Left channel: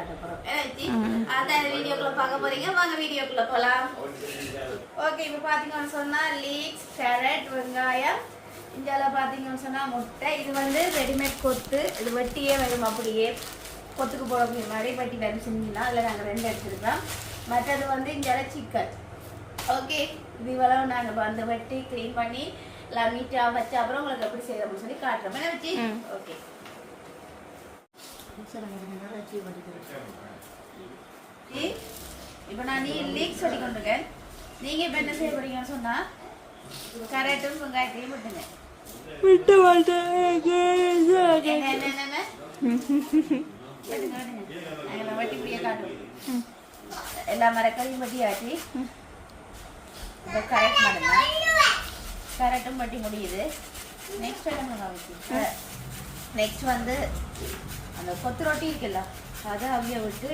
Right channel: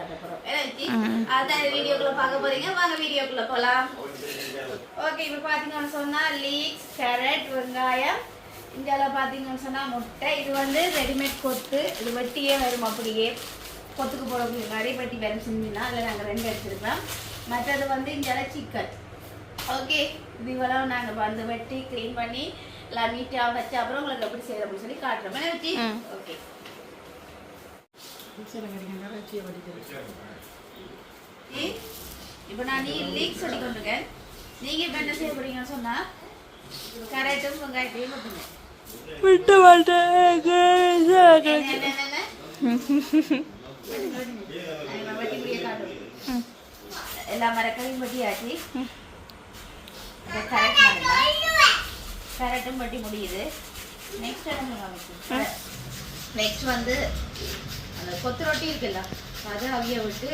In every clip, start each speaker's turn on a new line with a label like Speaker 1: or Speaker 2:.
Speaker 1: காட்ட போறோம்? அதான் வீடியோக்குள்ள பார்க்க போறீங்க. வாங்க வீடியோக்குள்ள போலாம். ஓகே இப்போ பாத்தீங்கன்னு சொன்னா லீக்ஸ் கேரட் வெங்காயம். இந்தியாவில் பார்த்தீங்கன்னு சொன்னா முட்டை. இது வந்து ரெடிமேட் கொத்து. இது வெட்டியே வரும் அப்படியே. கொத்துக்கு போகிறதுக்கு முன்னாடி வெட்டி வரும் செஞ்சுனா அதில் நாங்கள் ரெண்டு எடுத்துருக்கோம். மற்றது வந்து இந்தியாவில் சிக்கன் ஓகே இது இவ்வளவு நாங்கள் வந்து வெட்டி க்ளீன் பண்ணி எல்லாம் நீட்டாக வச்சு அப்புறம் உங்களுக்கு எப்படி அப்படின்னு சொல்லி காட்டுறோம். ஓகே இப்போ நான் நீ லீக் சொல்லி கொண்டிருக்கேன் நீங்கள் இப்போ என்ன செய்ய போறீங்கன்னு சொன்னா கரெக்டும் வெங்காயத்தையும் விட்டுங்க.
Speaker 2: விட்டு மாட்டேன்.
Speaker 1: எல்லா மரக்கறியும் வெட்டியாச்சு. கரெக்ட் மரம் கரெக்டும் வெட்டி முடியுது. நெக்ஸ்ட் என்ன நெக்ஸ்ட் வந்து அந்த கொத்து ரொட்டி இருக்குல்ல அதை அவிய விட்டு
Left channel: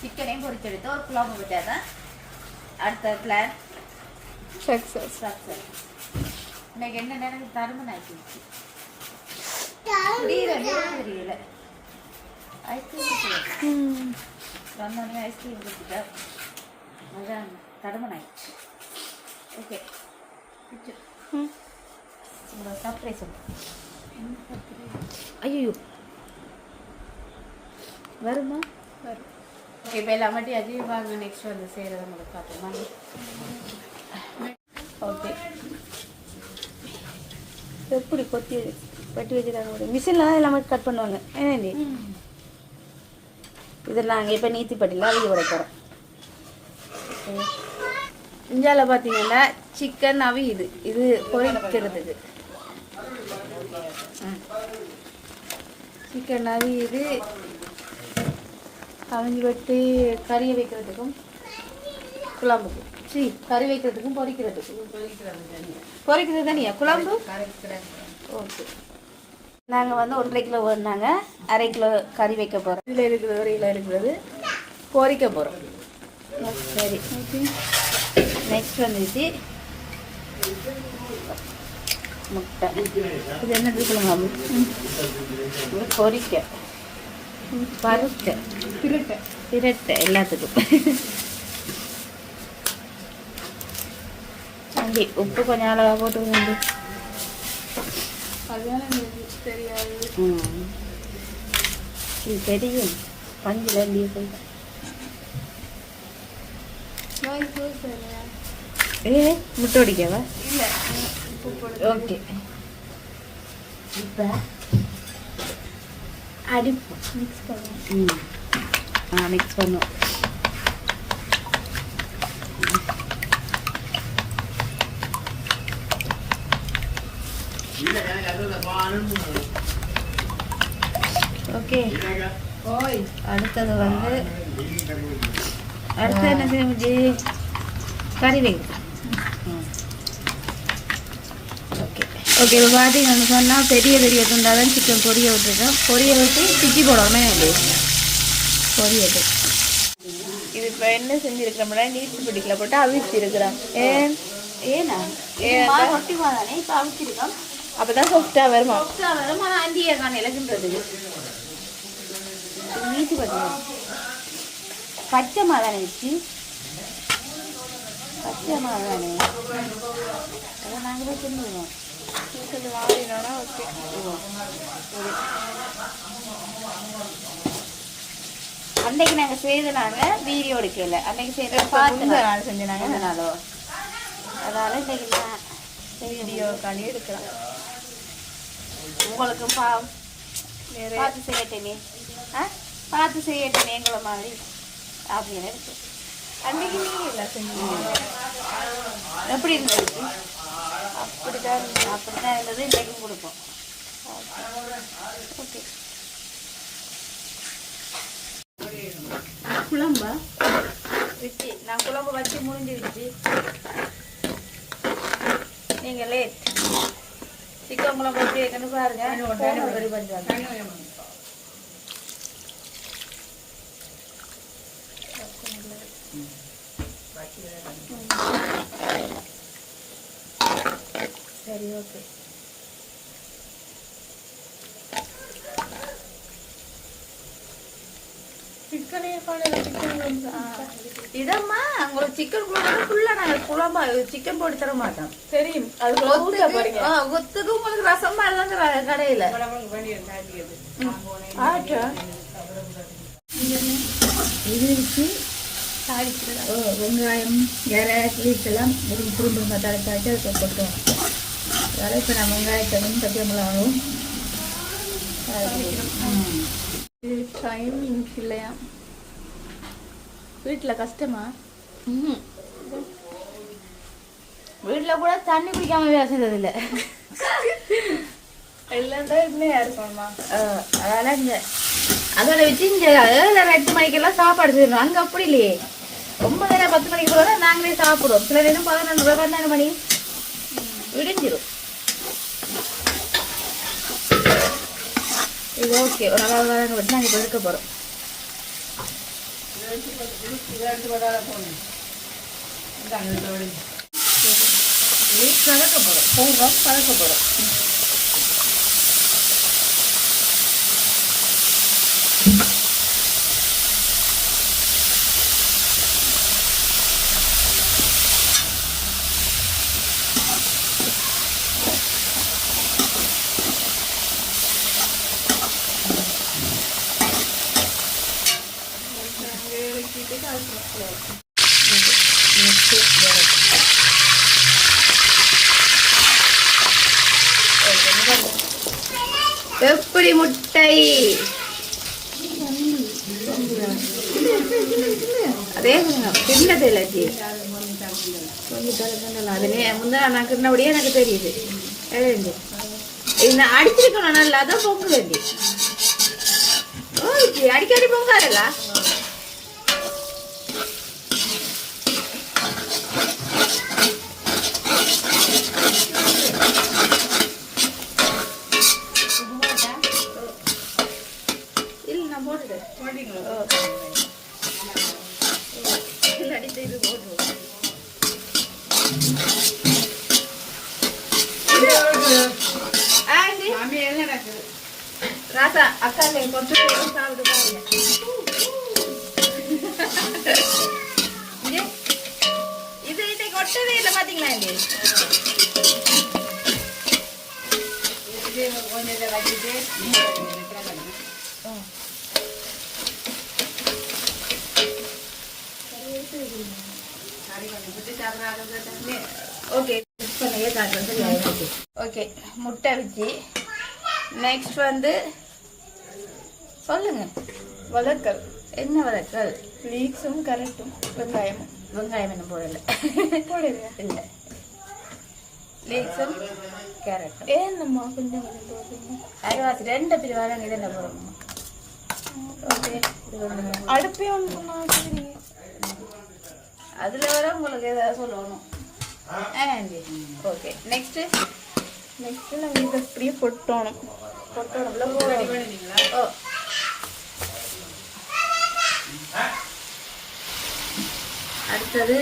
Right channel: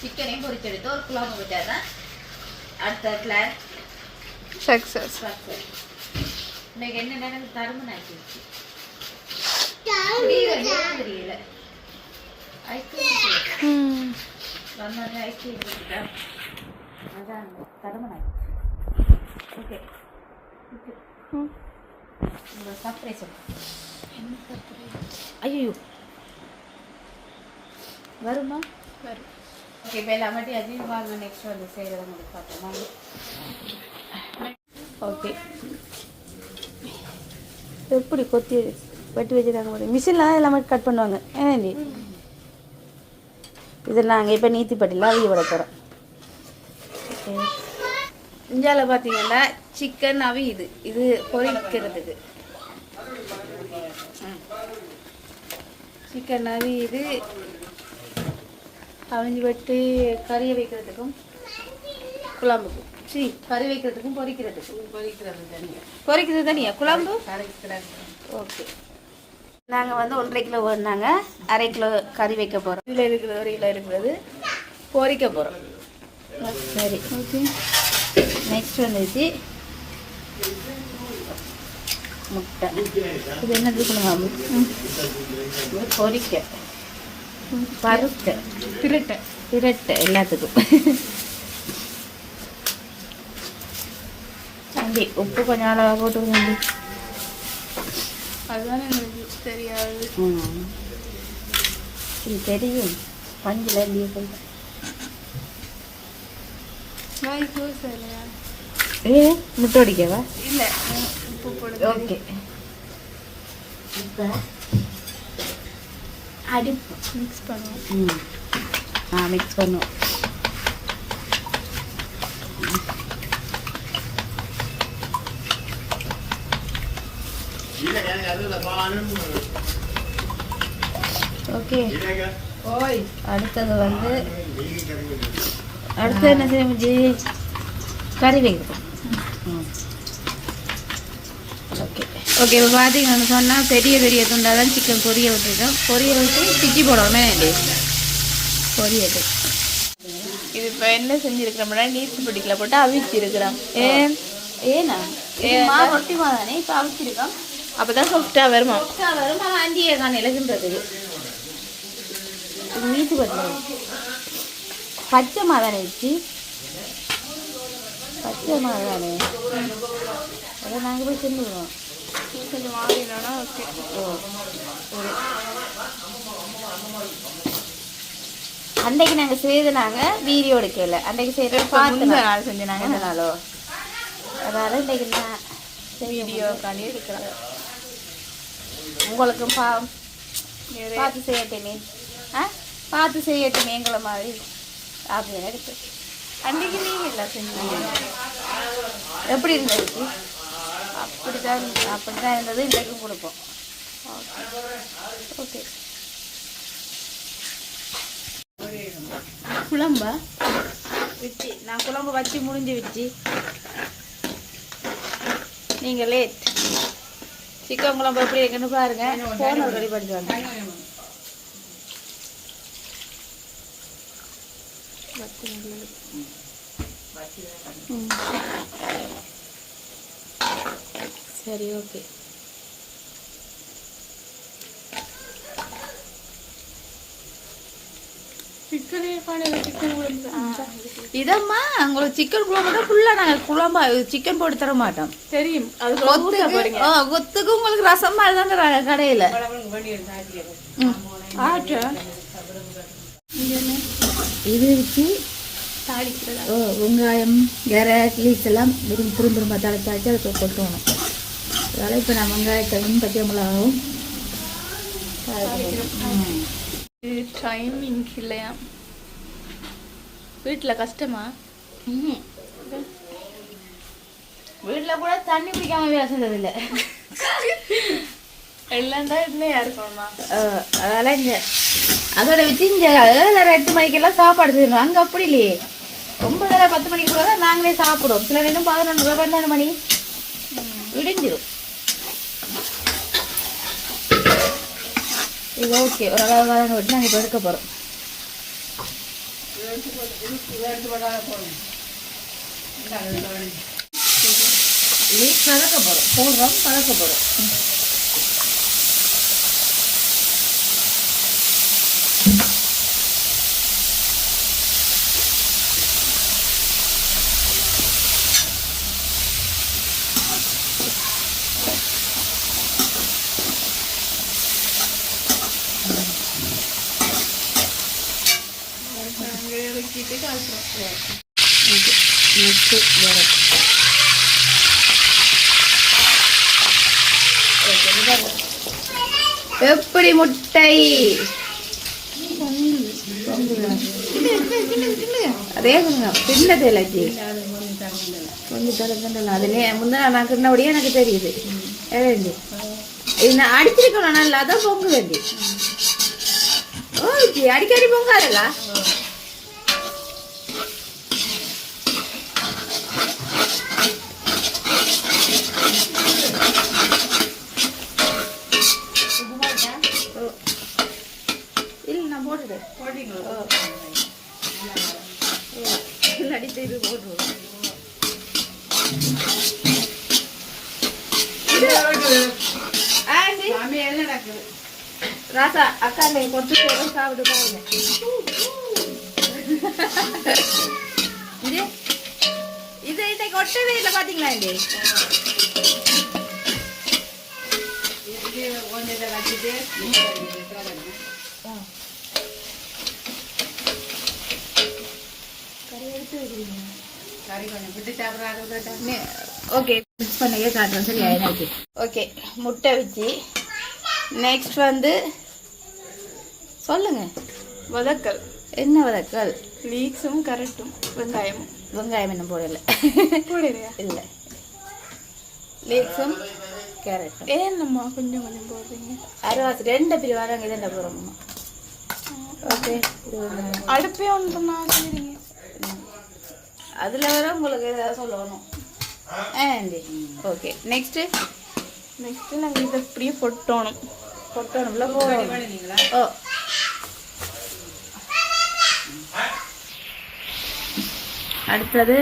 Speaker 1: சிக்கனையும் பொரிச்செடுத்து ஒரு குழம்பு விட்டாதான் அடுத்த பிளான்
Speaker 2: சக்சஸ்
Speaker 1: ஸ்ட்ரக்சர் இன்னைக்கு என்ன நேரம்? தருமன் ஆக்கிடுச்சு தெரியல ஐஸ்கிரீம் வந்தோடனே ஐஸ்கிரீம் கொடுத்துட்டா அதான் தருமன் ஆயிடுச்சு. ஓகே இந்த சர்ப்ரைஸ் சொல்லு. ஐயோ வருமா?
Speaker 2: வரும்.
Speaker 1: இப்போ எல்லாம் மட்டும் அஜீவ் வாங்க நெக்ஸ்ட் வந்து செய்கிறத உங்களுக்கு பார்ப்போம் ஓகே.
Speaker 2: எப்படி கொத்தி வெட்டி வச்சுருக்காங்க பாரு. மிஷினில் தான் எல்லாமே கட் பண்ணுவாங்க. ஏன்டி? இது நாங்கள் இப்போ நீத்திப்பட்டியில் அவிய விட போகிறோம் இந்தியாவில் பார்த்தீங்கன்னா சிக்கன் அவி இது. இது பொரிக்கிறதுக்கு சிக்கன் அவி இது அவிஞ்சு வெட்டி கறியை வைக்கிறதுக்கும் குழம்புக்கும் சரி கறி வைக்கிறதுக்கும் பொரிக்கிறதுக்கும் பொரிக்கிறது தனியா? குழம்பு? ஓகே. நாங்கள் வந்து ஒன்றரை கிலோ வேணுனாங்க அரை கிலோ கறி வைக்க போகிறோம் இதில் இருக்கிறது ஒரு கிலோ இருக்கிறது பொறிக்க போகிறோம் சரி. ஓகே. நெக்ஸ்ட் வந்துச்சு. முட்டை. இது என்னது சொல்லுங்க இது பொரிக்க. பருக்க பிரட்டை பிரட்டை எல்லாத்துக்கும். அண்டி உப்பு கொஞ்சம் அளவாக போட்டு
Speaker 1: அதுதான் எனக்கு தெரியாது.
Speaker 2: ம். இது தெரியும். பஞ்சில் அப்படியே போயிட்டேன் ஏ முட்டை அடிக்கவா
Speaker 1: இல்லை. உப்பு போடு
Speaker 2: ஓகே. இப்போ அடிப்பு
Speaker 1: மிக்ஸ் பண்ணுவோம்.
Speaker 2: ம். ஆ மிக்ஸ் பண்ணுவோம். ஓகே. அடுத்தது வந்து அடுத்து என்ன செய்ய கறி வைக்கிறோம் ஓகே இப்போ பார்த்தீங்கன்னு சொன்னால் பெரிய பெரிய துண்டாக தான் சிக்கன் பொரிய விட்டுருக்கோம் பொரிய விட்டு சுற்றி போடணுமே பொரியது
Speaker 1: இது இப்போ என்ன செஞ்சிருக்கிறோம்னா நீத்து பிடிக்கல போட்டு அவிச்சிருக்கிறோம்.
Speaker 2: ஏன்
Speaker 1: ஏனா
Speaker 2: ஏன்
Speaker 1: மாவு ரொட்டி மாவு தானே இப்போ அவிச்சிருக்கோம்.
Speaker 2: அப்போ தான் சாஃப்டாக வருமா.
Speaker 1: சொப்ஸா வரும் ஆனால் நீத்து பச்சை மாதானே வச்சு பச்சை மாதானே அதை நாங்கள் போய் தின்னுடுவோம்
Speaker 2: கொஞ்சம் மாறினா ஓகே
Speaker 1: அன்றைக்கு நாங்கள் செய்தனாங்க வீடியோ எடுக்கல அன்றைக்கு செய்த பார்த்து
Speaker 2: நாள் செஞ்சாங்க
Speaker 1: நாளோ அதாவது இன்றைக்கு
Speaker 2: வீடியோ காலி எடுக்கலாம்.
Speaker 1: உங்களுக்கும் பா பார்த்து செய்யட்டேனே ஆ? பார்த்து செய்யட்டேனே எங்களை மாதிரி. அப்படின்னு இருக்கு.
Speaker 2: அன்னைக்கு நீங்க எல்லாம் செஞ்சீங்க.
Speaker 1: எப்படி இருந்துச்சு
Speaker 2: அப்படிதான்
Speaker 1: அப்படிதான் இருந்தது. இன்றைக்கு கொடுப்போம்.
Speaker 2: ஓகே
Speaker 1: குழம்பா?
Speaker 2: வச்சு. நான் குழம்பு வச்சு முடிஞ்சு வச்சு. நீங்க லேட் சிக்கன் குழம்பு எப்படி இருக்குன்னு பாருங்க. ரெடி பண்ணிட்டு வாங்க. சரி ஓகே
Speaker 1: இதம்மா உங்களை சிக்கன் குழம்பு குழம்பா சிக்கன் போட்டு தர மாட்டோம்.
Speaker 2: தெரியும். அது
Speaker 1: ஒத்துக்கு உங்களுக்கு ரசம் மாதிரி தான் கடையில். இது வச்சு வெங்காயம் இறை கிளீஸ் எல்லாம் திரும்ப திரும்ப தலை அதனால இப்போ நான் வெங்காயத்தையும் பச்சை மிளகாவும்
Speaker 2: டைமிங் இல்லையா வீட்டுல கஷ்டமா
Speaker 1: வீட்டில் கூட தண்ணி குடிக்காம வேலை செஞ்சதில்ல
Speaker 2: இல்லைண்டா இல்லையா இருக்கணுமா
Speaker 1: அதெல்லாம் இங்கே அதோட வச்சு ஏழரை எட்டு மணிக்கெல்லாம் சாப்பாடு செய்யணும் அங்கே அப்படி இல்லையே ரொம்ப வேலை பத்து மணிக்கு கூட நாங்களே சாப்பிடுவோம் சில நேரம் பதினொன்று பன்னெண்டு மணி இடிஞ்சிரும் இது ஓகே ஒரு அளவு வரணும் விட்டு நாங்கள் எடுக்க போகிறோம் இது கலக்க போகிறோம் போடுறோம் கலக்க போகிறோம் நெக்ஸ்ட் வேறு எப்படி முட்டை அதே கிண்ணது இல்லச்சி அதுல முந்தின நான் கிண்ணபடியே எனக்கு தெரியுது ஏழு இது நல்லா அதான் பொங்கு அடிக்கடி பொங்காதல்ல இல்லை நான் போட்டுட்டேன் இல்லை அடித்து இது போட்டுருவேன் ஆண்டி ராசா அக்கா நீ கொஞ்சம் சாப்பிட்டு இது இது இன்னைக்கு ஒட்டவே இல்லை பாத்தீங்களா இங்கே ஓகே மிக்ஸ் பண்ணியே காட்டுறேன் சரி ஆயிடாச்சு ஓகே முட்டை வச்சு நெக்ஸ்ட் வந்து சொல்லுங்க.
Speaker 2: வதக்கல்.
Speaker 1: என்ன வதக்கல்?
Speaker 2: லீக்ஸும் கரெக்டும் வெங்காயமும்.
Speaker 1: வெங்காயம் என்ன போடல.
Speaker 2: போடுறியா
Speaker 1: இல்லை. லீக்ஸும் கேரட்டும்
Speaker 2: ஏன் நம்ம கொஞ்சம் கொஞ்சம் போடுறீங்க?
Speaker 1: அரிவாசி ரெண்டு பிரி வராங்க இதை போடணும் ஓகே.
Speaker 2: அடுப்பே ஒன்று பண்ணா சரிங்க
Speaker 1: அதில் வர உங்களுக்கு ஏதாவது சொல்லணும். ஓகே. நெக்ஸ்ட்டு
Speaker 2: நெக்ஸ்ட் நாங்கள் இதை அப்படியே பொட்டணும்.
Speaker 1: கொட்டணும்ல ஓ. அடுத்தது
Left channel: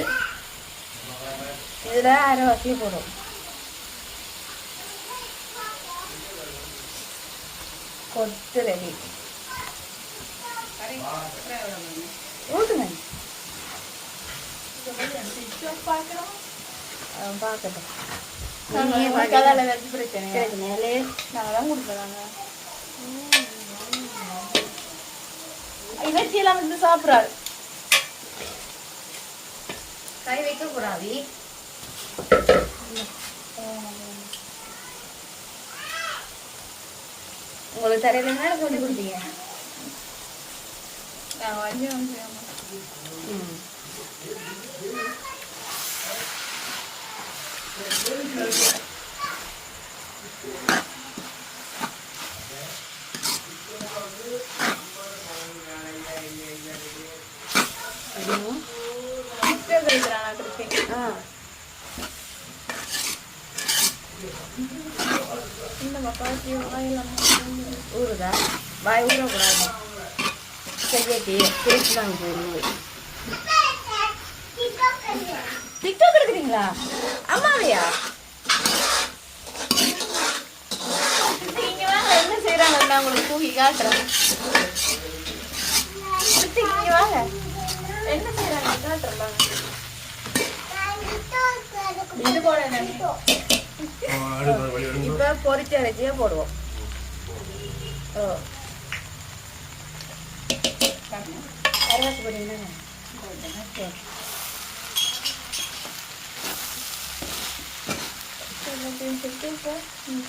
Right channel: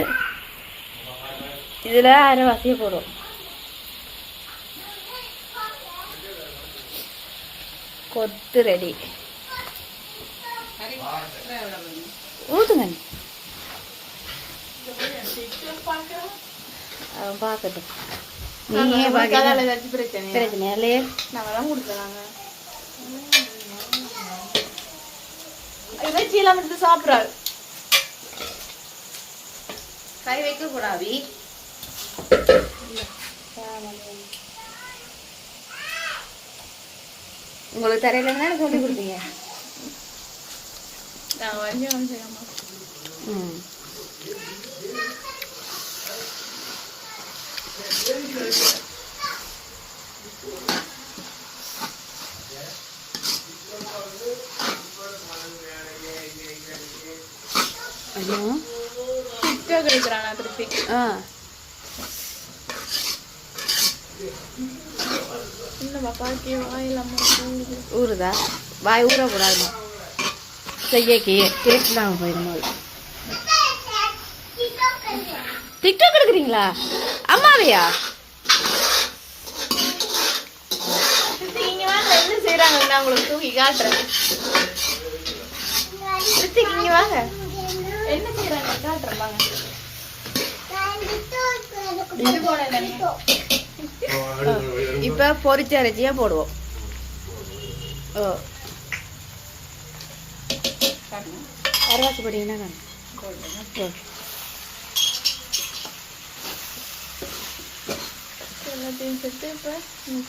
Speaker 1: இதில் அரைவாசியை போடும் கொத்து ரெடி. ஊத்துங்க. அவன் பார்க்கட்டும்.
Speaker 2: பிரச்சனை
Speaker 1: இல்லையே
Speaker 2: நாங்கள் தான் கொடுக்குறாங்க இவச்சி எல்லாம் வந்து சாப்பிட்றாரு
Speaker 1: கை வைக்க கூடாது உங்களுக்கு தெரியலன்னா சொல்லி கொடுத்தீங்க
Speaker 2: நாங்கள் வந்து வந்து
Speaker 1: ம் இதுவும்
Speaker 2: டிக்டாக் எடுக்கிறாங்க திருப்பி
Speaker 1: ஆ
Speaker 2: இந்த மக்காத்தி வாயிலாம
Speaker 1: ஊறுதா வாய் ஊற கூடாது திருப்பி நாங்கள் போயிடணும் டிக்டாக் எடுக்கிறீங்களா? அம்மாவையா?
Speaker 2: என்ன செய்யறாங்க நான் உங்களுக்கு தூக்கி காட்டுறேன். இங்க வாங்க. என்ன செய்யறாங்க காட்டுறேன் வாங்க?
Speaker 1: இப்போ பொரிச்ச போடுவோம். ஓ. கருவாக்கு பொடி என்ன சரி
Speaker 2: எல்லாத்தையும் சேர்த்து இப்போ mix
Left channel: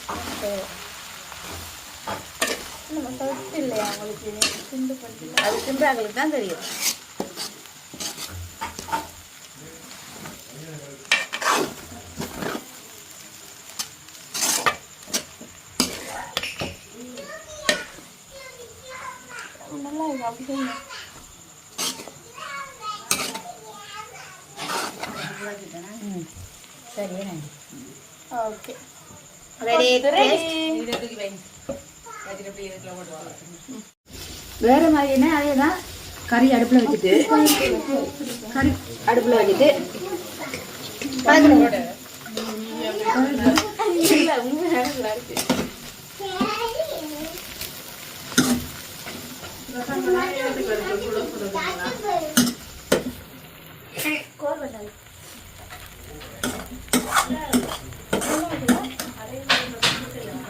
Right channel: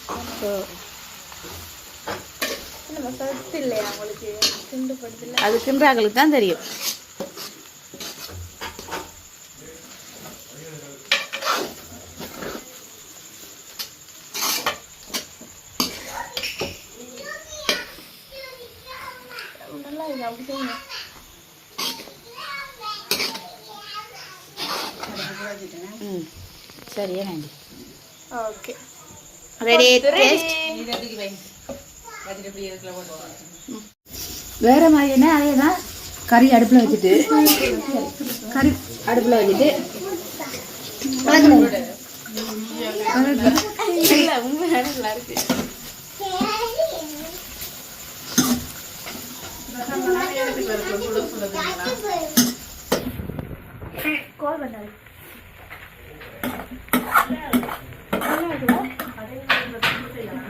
Speaker 2: நம்ம சத்து இல்லையா உங்களுக்கு சிந்து படுத்துல
Speaker 1: அது தின்றாங்களுக்கு தான் தெரியும்.
Speaker 2: நல்லா இருக்கு அப்படி செய்யுங்க.
Speaker 1: நன்றி
Speaker 2: ஓகே
Speaker 1: ரெடி வேற மாதிரினா அதேதான் கறி அடுப்பில் வச்சுட்டு கறி அடுப்பில் வச்சுட்டு
Speaker 2: இல்ல உண்மையான நல்லா இருக்கு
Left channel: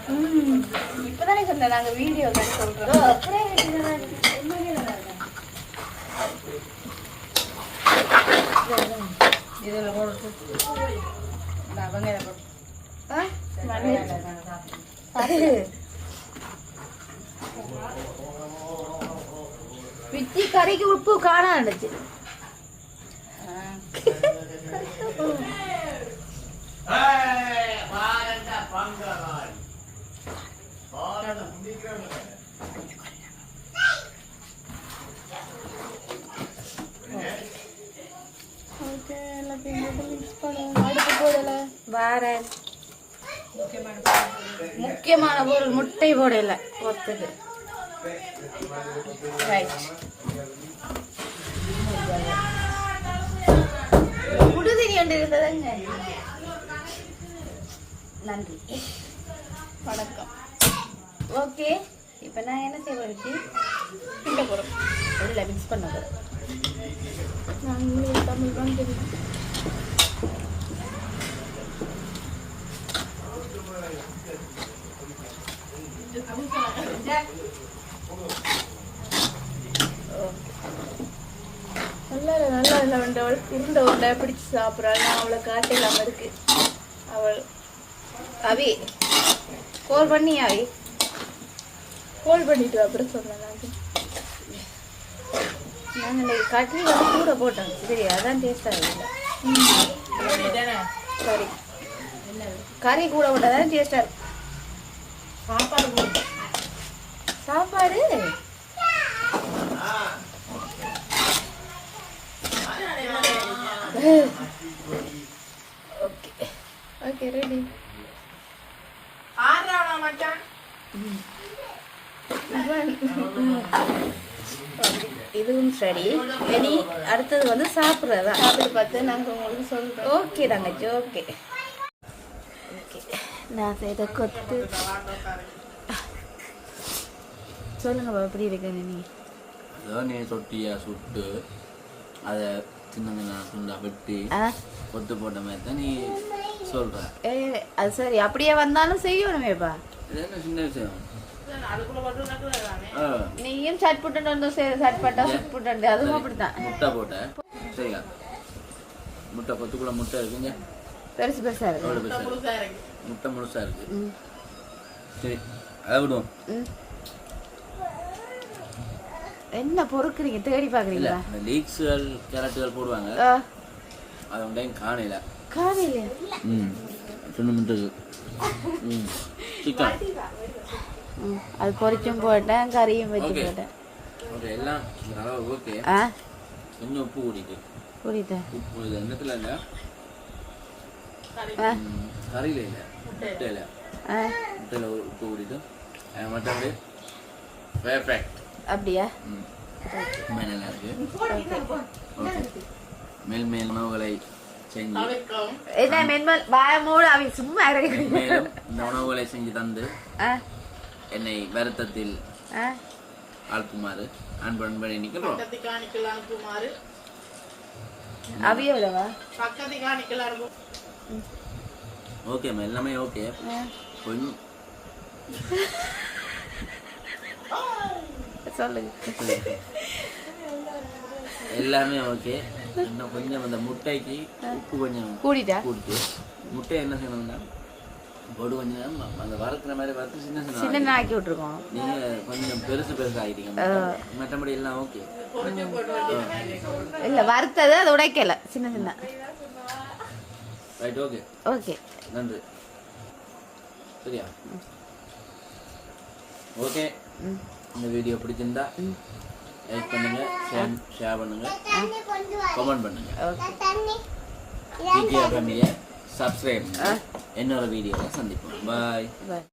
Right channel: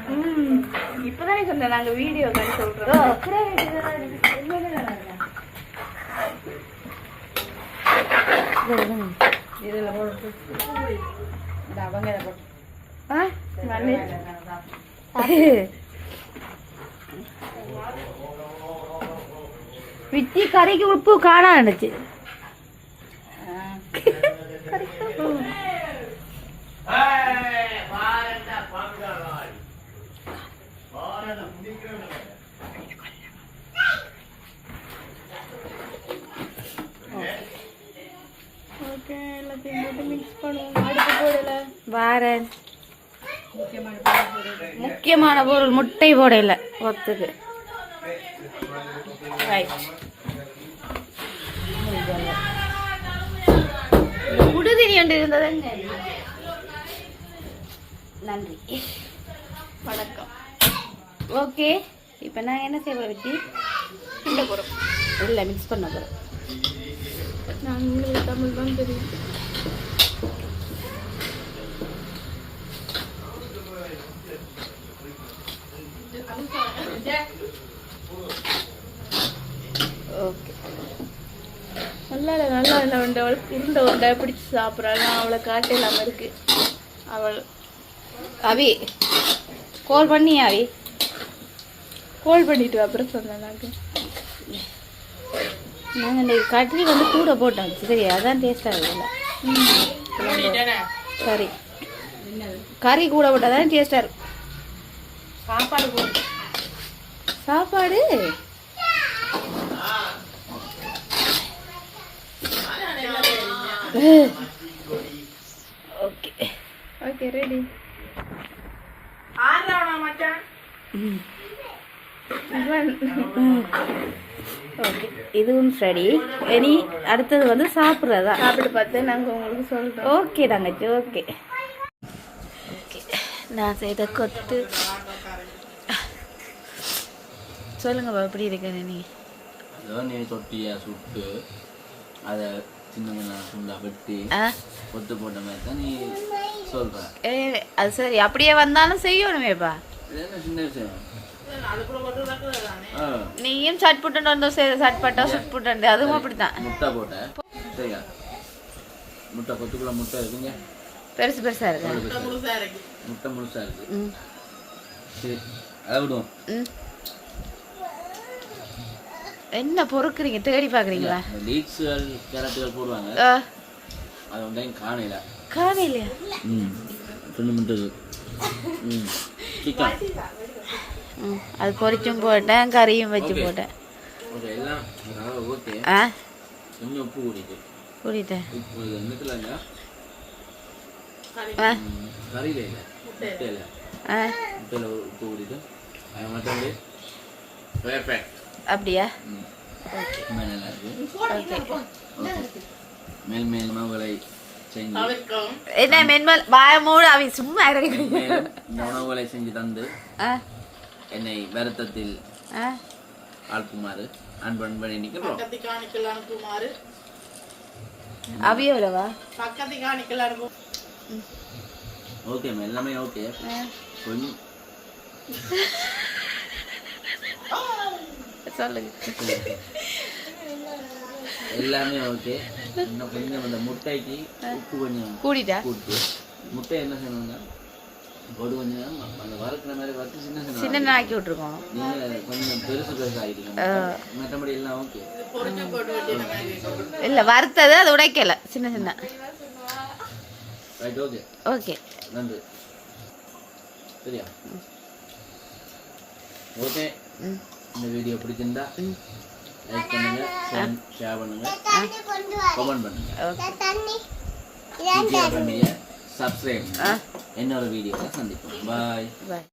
Speaker 2: ம், இப்பதானே சொன்னேன் நாங்க வீடியோ காட்டி சொல்றோம்.
Speaker 1: பிச்சி கறிக்கு உப்பு காணாண்டுச்சு
Speaker 2: ஓகே எல்லாத்தையும் போட்டு மிக்ஸ் பண்ணுவோம் அடுப்பு போடல
Speaker 1: வாரன் முக்கியமான பொருள் முட்டை போடையில ஒத்துக்கு ரைட் குடுதிரி ஒன்று இருந்தது நன்றி
Speaker 2: வணக்கம்
Speaker 1: ஓகே. இப்போ நாங்கள் என்ன செய்ய வச்சு
Speaker 2: இந்த போறோம்
Speaker 1: இல்லை மிக்ஸ் பண்ண போகிறோம்
Speaker 2: நான் உங்களுக்கு தமிழ் தான் தெரியும். நல்லா இல்லை அவள் உருண்டை உருண்டை பிடிச்சி சாப்பிட்றாள் நான் அவளை காட்ட இல்லாமல் இருக்கு. அவள்
Speaker 1: அவி கால் பண்ணி அவி
Speaker 2: கோல் பண்ணிட்டு அப்புறம் சொன்னேன் நான்
Speaker 1: நாங்கள் இந்த கட்லி வந்து கூட போட்டோம் சரி அதான் டேஸ்டாக இல்லை. கறி. கறி கூட போட்டால் தான் டேஸ்டாக இருக்கும். சாப்பாடு ஓகே
Speaker 2: ஓகே ரெடி
Speaker 1: ஓகே இதுவும் சரி. இனி அடுத்தது வந்து சாப்பிட்றதா?
Speaker 2: சாப்பிட்டு பார்த்து நாங்கள் உங்களுக்கு சொல்கிறோம்
Speaker 1: ஓகே தங்கச்சி ஓகே. ஓகே. நான் செய்த கொத்து. சொல்லுங்கப்பா எப்படி இருக்கிற நீ
Speaker 3: நீ தொட்டியை சுட்டு அதை சின்ன துண்டா வெட்டி கொத்து போட்ட மாதிரி தான் நீ சொல்ற.
Speaker 1: ஏ அது சரி. அப்படியே வந்தாலும் செய்யணுமேப்பா.
Speaker 3: சின்ன விஷயம்?
Speaker 1: நீயும் சட் புட்டு வந்து சட்பட்டா சுட் புட்டு அதுவும் அப்படித்தான்.
Speaker 3: முட்டை போட்ட. சரியா? முட்டை கொத்துக்குள்ள முட்டை இருக்குங்க.
Speaker 1: பெருசு பெருசா இருக்கு?
Speaker 3: முட்டை முழுசா இருக்கு. சரி அதை விடுவோம்.
Speaker 1: என்ன பொறுக்குறீங்க? தேடி பாக்குறீங்களா
Speaker 3: லீக்ஸுகள் கேரட்டுகள் போடுவாங்க. அது வந்து காணையில
Speaker 1: காலையில
Speaker 3: ம். ரெண்டு முட்டை ம். சிக்கன்.
Speaker 1: அது பொரிச்சும் போட்டேன் கறியும் வச்சு. போட்டேன். ஆ?
Speaker 3: கொஞ்சம் உப்பு கறியில இல்லை. முட்டையில். முட்டையில் உப்பு மற்றபடி பெர்ஃபெக்ட்
Speaker 1: அப்படியா
Speaker 3: ரொம்ப நல்லா இருக்கு.
Speaker 1: ஓகே
Speaker 3: மேல்
Speaker 1: என்ன மென்மல் வாய மூடு அவன் சும்மா இருக்கு
Speaker 3: இந்த உணவுகளை செஞ்சு தந்து. என்னை வருத்தத்தில் ஆழ்த்துமாறு அன்பு அன்பு நிற்கிறோம்
Speaker 4: அனுப்புமாறு. பக்கத்து காணிக்கல்
Speaker 3: எல்லாமே ஓகே. கொஞ்சம்
Speaker 1: சொல்லுங்க.
Speaker 3: எல்லாமே ஓகே. இன்னும் கொஞ்சம் அந்த முட்டைக்கு உப்பு கொஞ்சம்
Speaker 1: கூடிட்டா?
Speaker 3: கூட்டு. முட்டை என்ன செய்யணும்னா பொடு நேரம் அந்த வறுக்கிற மாதிரி வறுத்து சின்ன சின்ன
Speaker 1: ஆக்கி விட்டுருக்கோம்.
Speaker 3: நீங்க கொஞ்சம் பெருசு பெருசு ஆகிட்டீங்க மற்றபடி எல்லாம் ஓகே
Speaker 1: இல்ல வறுத்தது அது உடைக்கல சின்ன சின்ன.
Speaker 3: ரைட் ஓகே
Speaker 1: ஓகே
Speaker 3: நன்றி. சரியா? ஓகே இந்த வீடியோ பிடிச்சிருந்தா லைக் பண்ணுங்க ஷேர் பண்ணுங்க கமெண்ட் பண்ணுங்க.
Speaker 1: ஓகே
Speaker 3: ஃபேமிலியை சப்ஸ்கிரைப் இன்னொரு வீடியோவில் சந்திப்போம். பாய்
Speaker 1: பாய்